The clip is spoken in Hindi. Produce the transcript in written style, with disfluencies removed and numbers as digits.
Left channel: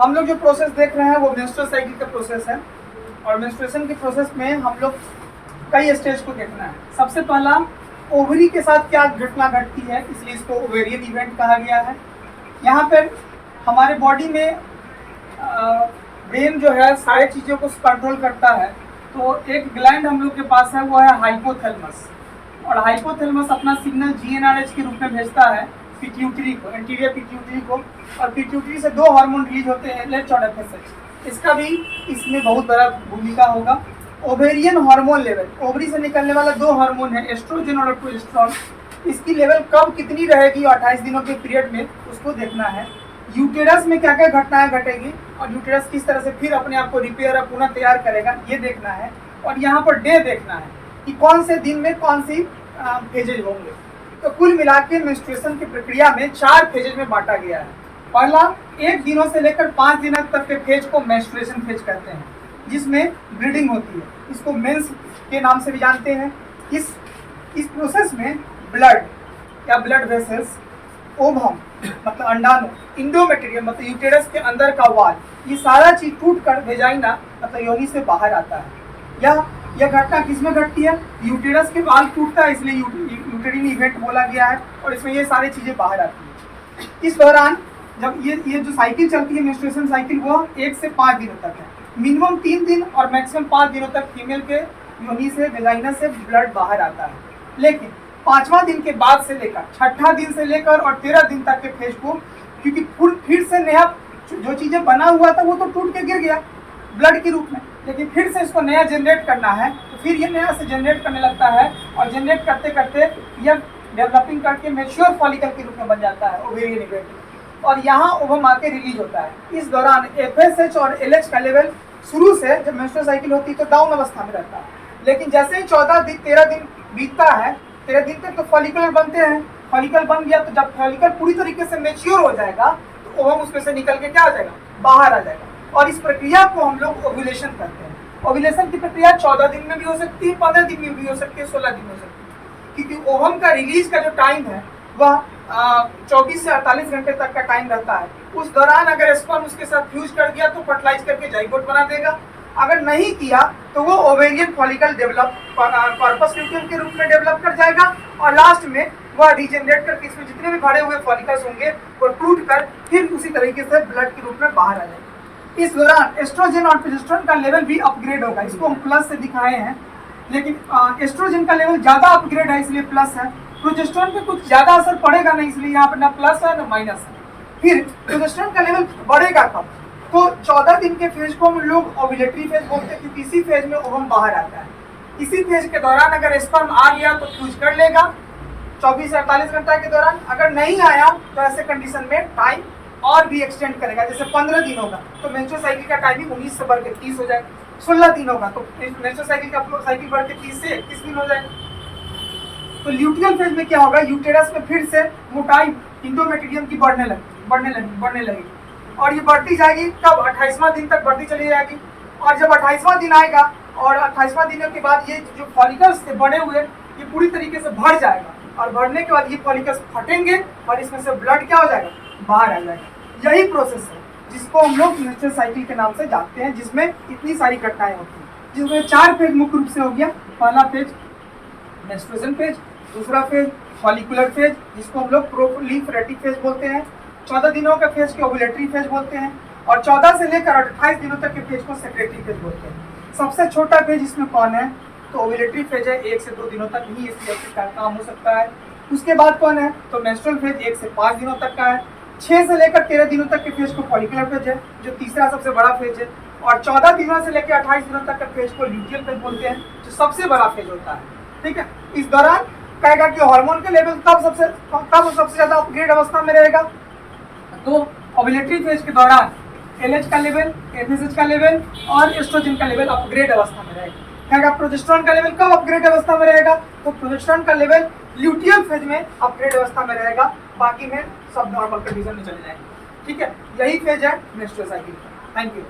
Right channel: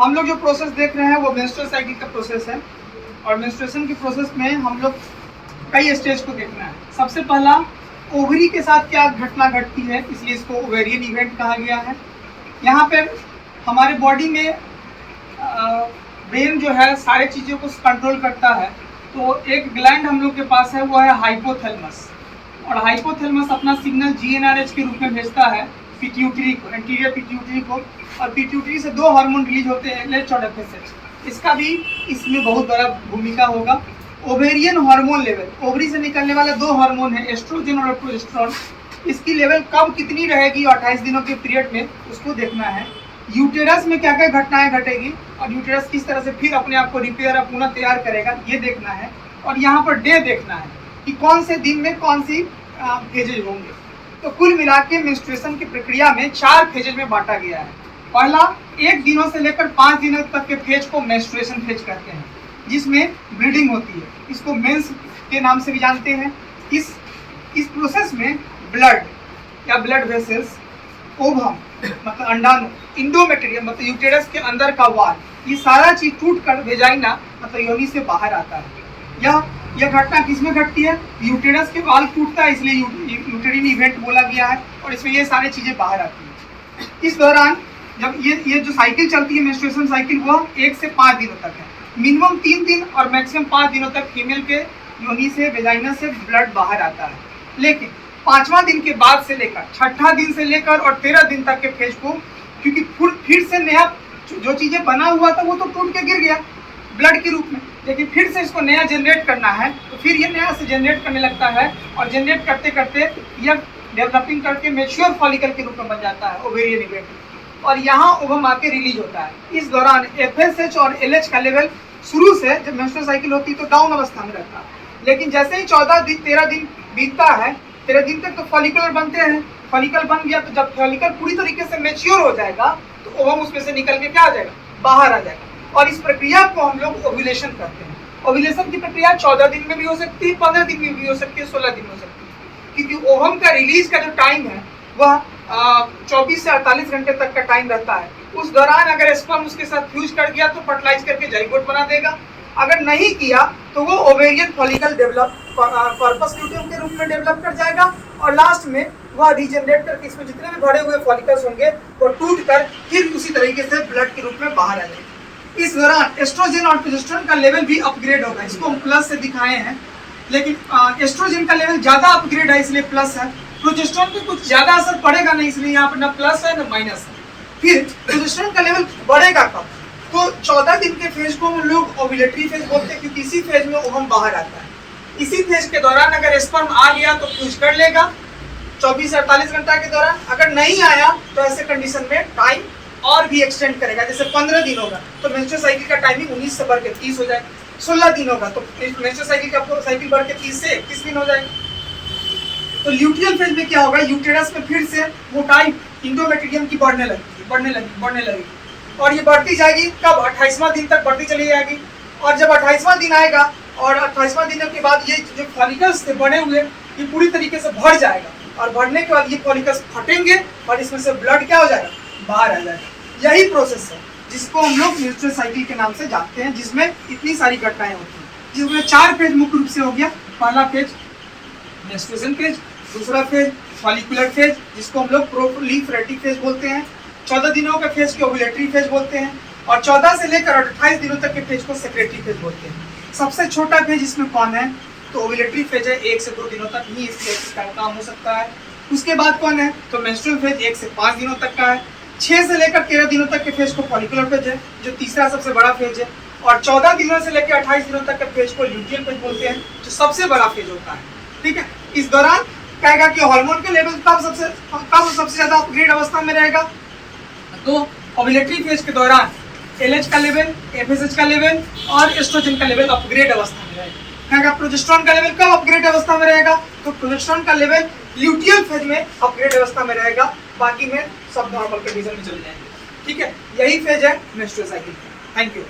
हम लोग जो प्रोसेस देख रहे हैं वो मेंस्ट्रुअल साइकिल का प्रोसेस है और मेंस्ट्रुएशन के प्रोसेस में हम लोग कई स्टेज को देखना है। सबसे पहला ओवरी के साथ क्या घटना घटती है, इसलिए इसको ओवेरियन इवेंट कहा गया है। यहाँ पर हमारे बॉडी में ब्रेन जो है सारी चीज़ों को कंट्रोल करता है। तो एक ग्लैंड हम लोग के पास है, वो है हाइपोथैलेमस, और हाइपोथैलेमस अपना सिग्नल जीएनआरएच के रूप में भेजता है पिट्यूटरी को, एंटीरियर पिट्यूटरी को, और पिट्यूटरी से दो हार्मोन रिलीज होते हैं, एलएच और एफएसएच। इसका भी इसमें बहुत बड़ा भूमिका होगा। ओवेरियन हार्मोन लेवल, ओवरी से निकलने वाला दो हार्मोन है, एस्ट्रोजन और प्रोजेस्टेरोन। इसकी लेवल कब कितनी रहेगी 28 दिनों के पीरियड में, उसको देखना है। यूटेरस में क्या क्या घटनाएं घटेगी और यूटेरस किस तरह से फिर अपने आप को रिपेयर और पुनः तैयार करेगा, ये देखना है। और यहाँ पर डे देखना है कि कौन से दिन में कौन सी फेजेज होंगे। तो कुल मिला के मेंस्ट्रुएशन की प्रक्रिया में 4 फेजेज में बांटा गया है। पहला 1 दिनों से लेकर 5 दिनों तक के फेज को मेंस्ट्रुएशन फेज कहते हैं, जिसमें ब्लीडिंग होती है। इसको मेंस के नाम से भी जानते हैं। इस प्रोसेस में ब्लड या ब्लड वेसल्स, ओवम मतलब अंडाणु, इंडोमेट्रियम मतलब यूटेरस के अंदर का वाल, ये सारा चीज टूट कर वेजाइना मतलब योनि से बाहर आता है। यह घटना किसमें घटती है? यूटेरस के वाल टूटता है, इसलिए यूटेरिन इवेंट बोला गया है, और इसमें ये सारी चीजें बाहर आती है। इस दौरान जब ये जो साइकिल चलती है मेंस्ट्रुएशन साइकिल, वह 1 से 5 दिनों तक है। मिनिमम 3 दिन और मैक्सिमम 5 दिनों तक फीमेल के योनि से वेजाइना से ब्लड बाहर आता है। लेकिन 5वां दिन के बाद से लेकर 6ठा दिन से लेकर और 13 दिन तक के फेज को, क्योंकि फिर से नया जो चीजें बना हुआ था वो तो टूट के गिर गया ब्लड के रूप में, लेकिन फिर से इसको नया जनरेट करना है, तो फिर ये नया से जनरेट करने लगता है, और जनरेट करते करते यह डेवलपिंग करके मैच्योर फॉलिकल के रूप में बन जाता है ओवेरियन इवेंट, और यहाँ ओवम आके रिलीज होता है। इस दौरान एफएसएच और एलएच का लेवल शुरू से जब मेंस्ट्रुअल साइकिल होती है तो डाउन अवस्था में रहता है, लेकिन जैसे ही 13 दिन बीतता है, 13 दिन तक तो फॉलिकुलर बनते हैं। फॉलिकल बन गया तो जब फॉलिकल पूरी तरीके से मैच्योर हो जाएगा तो ओवम उसमें से निकल के क्या आ जाएगा, बाहर आ जाएगा, और इस प्रक्रिया को हम लोग ओव्यूलेशन करते हैं। ओव्यूलेशन की प्रक्रिया 14 दिन में भी हो सकती है, 15 दिन में भी हो सकती है, 16 दिन में हो सकती है, क्योंकि ओवम का रिलीज का जो टाइम है वह 24 से 48 घंटे तक का टाइम रहता है। उस दौरान अगर स्पर्म उसके साथ फ्यूज कर गया तो फर्टिलाइज करके जाइगोट बना देगा, अगर नहीं किया तो वो ovarian follicle develop corpus luteum के रूप में डेवलप कर जाएगा, और लास्ट में वह रीजनरेट करके इसमें जितने भी भरे हुए फॉलिकल्स होंगे वो टूट कर फिर उसी तरीके से ब्लड के रूप में बाहर आ जाएगा। इस दौरान एस्ट्रोजन और प्रोजेस्टेरोन का लेवल भी अपग्रेड होगा, इसको हम प्लस से दिखाए हैं, लेकिन एस्ट्रोजन का लेवल ज्यादा अपग्रेड है इसलिए प्लस है। प्रोजेस्टेरोन पे कुछ ज्यादा असर पड़ेगा नहीं, इसलिए यहाँ पर ना प्लस है ना माइनस है। फिर प्रोजेस्टेरोन का लेवल बढ़ेगा कब? तो 14 दिन के फेज को हम लोग ओव्यूलेटरी फेज बोलते हैं, क्योंकि इसी फेज में ओवम बाहर आता है। इसी फेज के दौरान अगर स्पर्म आ गया तो फ्यूज कर लेगा 24 से 48 घंटा के दौरान, अगर नहीं आया तो ऐसे कंडीशन में टाइम और भी एक्सटेंड करेगा। जैसे 15 दिन होगा तो मेंस्ट्रुअल साइकिल का टाइमिंग 19 से बढ़ के 30 हो जाएगा। 16 दिन होगा तो मेंस्ट्रुअल साइकिल का साइकिल बढ़ के 30 से 31 दिन हो जाएगा। तो ल्यूटियल फेज में क्या होगा, यूटेरस में फिर से मोटाई इंडोमेट्रियम की बढ़ने लगेगी, और ये बढ़ती जाएगी कब? 28वां दिन तक बढ़ती चली जाएगी, और जब 28वां दिन आएगा और 28वां दिन के बाद ये जो फॉलिकल्स थे बने हुए, ये पूरी तरीके से भर जाएगा, और भरने के बाद ये फॉलिकल्स फटेंगे और इसमें से ब्लड क्या हो जाएगा, बाहर आ जाएगा। यही प्रोसेस है जिसको हम लोग मेंस्ट्रुअल साइकिल के नाम से जानते हैं, जिसमें इतनी सारी घटनाएं होती हैं, जिसमें 4 फेज मुख्य रूप से हो गया। पहला फेज मेंस्ट्रुएशन फेज, दूसरा फेज फॉलिकुलर फेज जिसको हम लोग प्रोलिफरेटिव फेज बोलते हैं, 14 दिनों का फेज को ओव्यूलेटरी फेज बोलते हैं, और 14 से लेकर 28 दिनों तक के फेज को सेक्रेटरी फेज बोलते हैं। सबसे छोटा फेज इसमें कौन है? तो ओव्यूलेटरी फेज है, 1 से 2 दिनों तक ही इसका काम हो सकता है। उसके बाद कौन है? तो मेंस्ट्रुअल फेज 1 से 5 दिनों तक का है। 6 से लेकर 13 दिनों तक के फेज को फॉलिकुलर फेज है, जो तीसरा सबसे बड़ा फेज है, और 14 दिनों से लेकर 28 दिनों तक के फेज को ल्यूटियल फेज बोलते हैं, जो सबसे बड़ा फेज होता है। ठीक है, इस दौरान कहेगा कि हार्मोन के लेवल कब सबसे ज्यादा अपग्रेड अवस्था में रहेगा, तो ओव्यूलेटरी फेज के दौरान एलएच का लेवल, एफएसएच का लेवल और एस्ट्रोजन का लेवल अपग्रेड अवस्था में रहेगा। कहेगा प्रोजेस्टेरोन का लेवल कब अपग्रेड अवस्था में रहेगा, तो प्रोजेस्टेरोन का लेवल ल्यूटियल फेज में अपग्रेड अवस्था में रहेगा, बाकी में सब नॉर्मल कंडीशन में चल जाएंगे। ठीक है, यही फेज है मेंस्ट्रुअल साइकिल का। Thank you.